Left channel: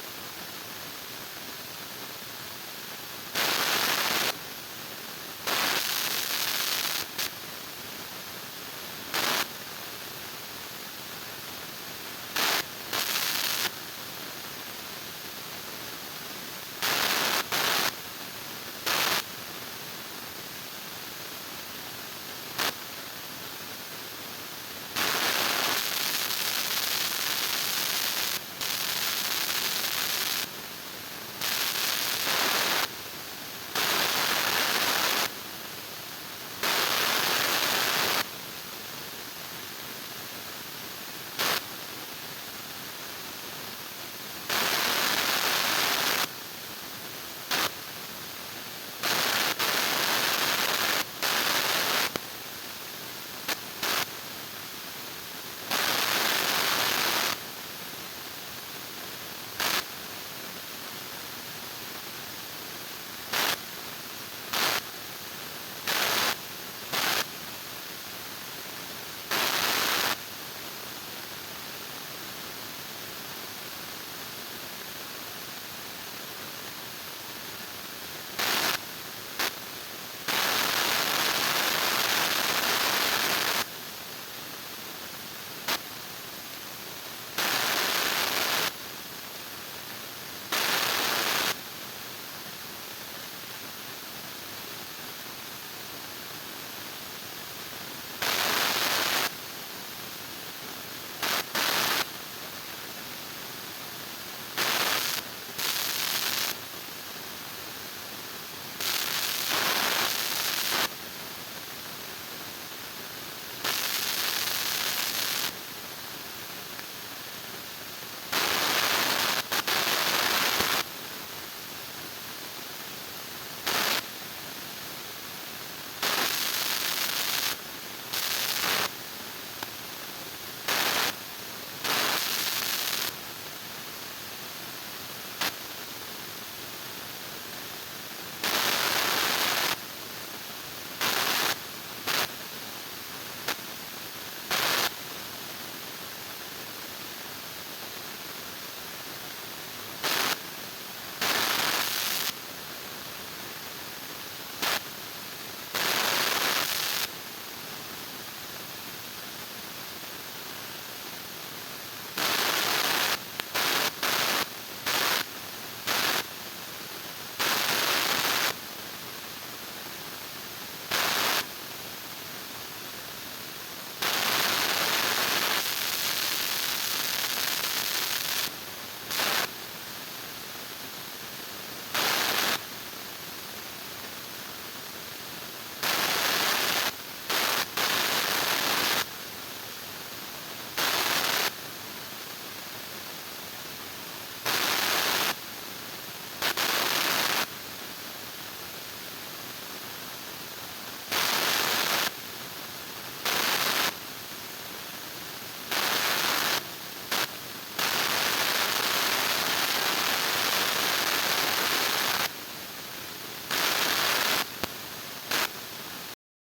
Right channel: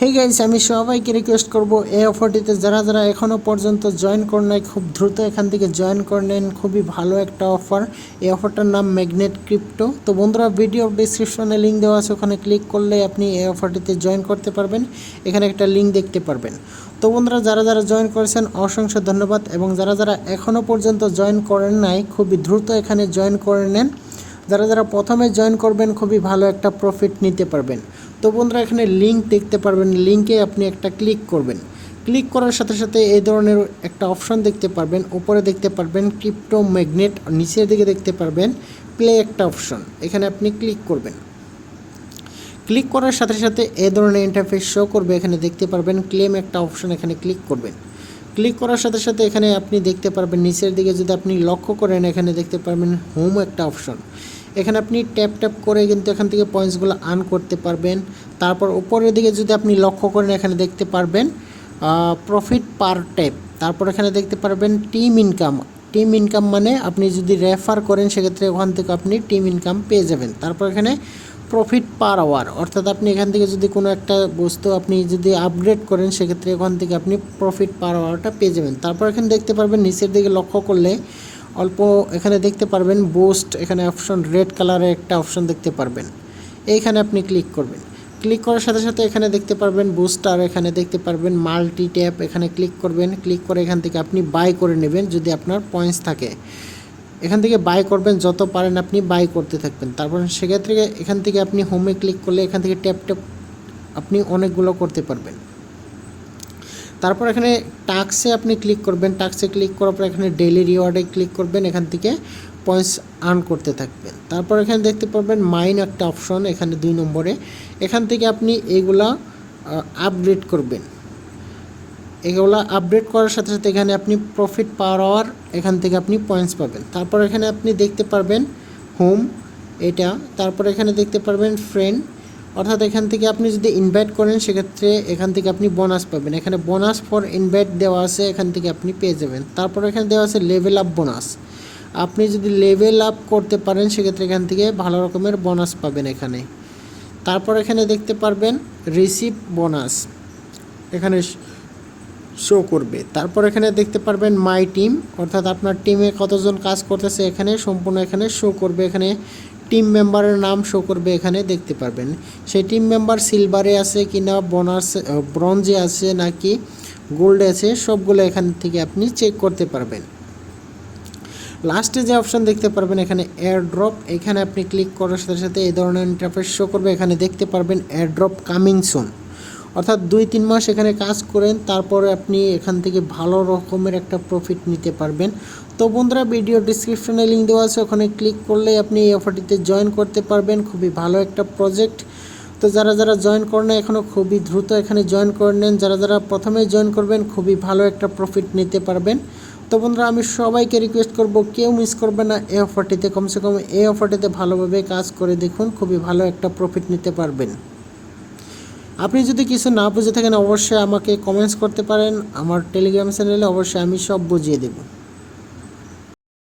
Hey guys, আমি সবাইকে request করব এই অফারটিতে যারা যারা এখনও পর্যন্ত জয়েন করে নাই খুব দ্রুত এখান থেকে জয়েন করে নেন। খুবই ভালো একটা অফার। এই অফারটার নাম ম্যাগনেট ক্রিপ্টো। তো বন্ধুরা, ভিডিও ডিসক্রিপশনে লিঙ্ক দেওয়া আছে, ওখানে ক্লিক করলে আপনি এই অফারটিতে জয়েন করতে পারবেন। এখানে একটা লিঙ্ক দেখতে পারবেন। তো বন্ধুরা, যারা যারা জয়েন করেছেন অসংখ্য ধন্যবাদ, এবং যারা যারা এখনও পর্যন্ত জয়েন করেন নাই খুবই দ্রুত এখানে জয়েন করে নেন। যারা যারা প্রথমে জয়েন করবেন খুবই ভালো একটা প্রফিট নিতে পারবেন। তো বন্ধুরা, এখানে লিঙ্ক দেখতে পারবেন, লিঙ্কে আপনি একটা ক্লিক করবেন। ক্লিক করার সাথে সাথে এই ধরনের একটা অপশন দেখতে পারবেন। উপরে দেখতে পারবেন ক্রিপ্টো ম্যাগনেট, নিচের দিকে দেখতে পারবেন প্লে একটা অপশন, এখানে আপনি ক্লিক করবেন। ক্লিক করার সাথে সাথে এই ধরনের ইন্টারফেস শো করবে। এখানে দেখতে পারবেন ক্লেম একটা অপশন, এখানে ক্লিক করবেন। ক্লিক করার সাথে সাথে এখানে আপনি দেখতে পারবেন নিচের দিকে যদি আপনি লক্ষ্য করেন, এখানে দেখতে পারবেন হোম একটা অপশন। এখানে আপনি ট্যাপ ট্যাপ করে কিন্তু এখান থেকে পয়েন্টসগুলো আর্ন করতে পারবেন। তারপর উপরের দিকে যদি আপনি লক্ষ্য করেন, এখানে দেখতে পারবেন প্রফিট পার ট্যাপ। তারপর এখানে দেখতে পারবেন টিম ইনকাম। টিম ইনকাম মানে আপনি যদি রেফার করেন সেক্ষেত্রে ওখান থেকে আপনি টিম ইনকাম পেয়ে যাবেন। তারপর এখানে প্রফিট পার আওয়ার, অর্থাৎ আপনি এখান থেকে যদি কোনো একটা বস্তু আপনি যদি আপগ্রেড করেন সেক্ষেত্রে ওখান থেকে আপনি প্রফিট পার আওয়ারটা পেয়ে যাবেন। তারপর এখানে দেখতে পারবেন নিচের দিকে লক্ষ্য করলে অল্প এখানে দেখতে পারবেন বুস্ট, এখানে অপশন রেড কালারের একটা অপশন দেখতে পারবেন। এইখানে আপনি ক্লিক করবেন। ক্লিক করার সাথে সাথে এখানে দেখতে পারবেন বুস্টার, এখানে দেখতে পারবেন মাল্টি ট্যাপ, এখানে ক্লিক করবেন। ক্লিক করে এখান থেকে আপনি বাই করে নেবেন যদি আপনার পয়েন্টস থাকে। এখান থেকে বাই করবেন, যত পারেন আপনি বাই করতে থাকবেন। তারপর সেক্ষেত্রে এখান থেকে আপনি হোমে ক্লিক করলে এখান থেকে ট্যাপ ট্যাপ আপনি অনেকগুলো করতে পারবেন। তারপর এখানে টাস্কে আপনি ক্লিক করবেন। টাস্কে ক্লিক করার পর এখানে ডেইলি রিওয়ার্ডে ক্লিক করবেন, এখান থেকে পয়েন্টস আর্ন করতে থাকবেন। তারপর এখানে দেখতে পারবেন মাইন একটা অপশন, এখানে 2 নম্বরে। এখান থেকে আপনি এইগুলা আপডেট করবেন। এগুলো আপডেট করার সাথে সাথে এখানে আপনি প্রফিট পার আওয়ার, এখান থেকে আপনি পয়েন্টস পাবেন। তারপর এখানে আপনি দেখতে পারবেন হোম এটা। তারপর এখানে দেখতে পারবেন ফ্রেন্ড, অর্থাৎ এখান থেকে আপনি যদি ইনভাইট করেন সেক্ষেত্রে এখান থেকে আপনি বোনাস পাবেন। এখানে বোনাস ফর ইনভাইট দেওয়া আছে, এখান থেকে আপনি পেয়ে যাবেন। তারপর এখানে দেওয়া আছে লেভেল আপ বোনাস। আপনি যদি লেভেল আপ করতে পারেন সেক্ষেত্রে এখান থেকে ভালো রকমের বোনাস পাবেন এখানে। তারপর এখানে দেখতে পারবেন রিসিভ বোনাস, এখানে শো করবে। তারপর এখানে দেখতে পারবেন মাই টিম, অর্থাৎ আপনার টিমে কতজন কাজ করতেছে এখানে সম্পূর্ণ এখানে শো করবে। এখানে টিম মেম্বারের নাম শো করবে, এখানে দেখতে পারবেন সেই টিম মেম্বার সিলভারে আছে কিনা, বোনাস ব্রোঞ্জে আছে নাকি গোল্ডে আছে, সবগুলো এখান থেকে আপনি চেক করতে পারবেন। লাস্টে যে অপশন দেখতে পারবেন এখানে এয়ার ড্রপ, এখানে আপনি ক্লিক করার সাথে সাথে এই ধরনের ইন্টারফেস শো করবে। এখানে দেখতে পারবেন এয়ার ড্রপ কামিং সুন, অর্থাৎ 2-3 মাস এখানে কাজ করেন, তারপরে আপনি এখান থেকে ভালো রকমের একটা প্রফিট নিতে পারবেন। তো বন্ধুরা, ভিডিও ডিসক্রিপশনে লিঙ্ক দেওয়া আছে, ওখানে ক্লিক করলে আপনি এই অফারটিতে জয়েন করতে পারবেন। খুবই ভালো একটা প্রজেক্ট। তো যারা যারা জয়েন করেন এখনও খুবই দ্রুত এখানে জয়েন করে নেন। যারা যারা প্রথমেই জয়েন করবেন খুবই ভালো একটা প্রফিট নিতে পারবেন। তো বন্ধুরা, আমি সবাইকে রিকোয়েস্ট করব কেউ মিস করবে না এই অফারটিতে। কমসে কম এই অফারটিতে ভালোভাবে কাজ করে দেখুন, খুবই ভালো একটা প্রফিট নিতে পারবেন। আপনি যদি কিছু না বুঝে থাকেন অবশ্যই আমাকে কমেন্টস করতে পারেন। আমার টেলিগ্রাম চ্যানেলে অবশ্যই আমি সব বুঝিয়ে দেব।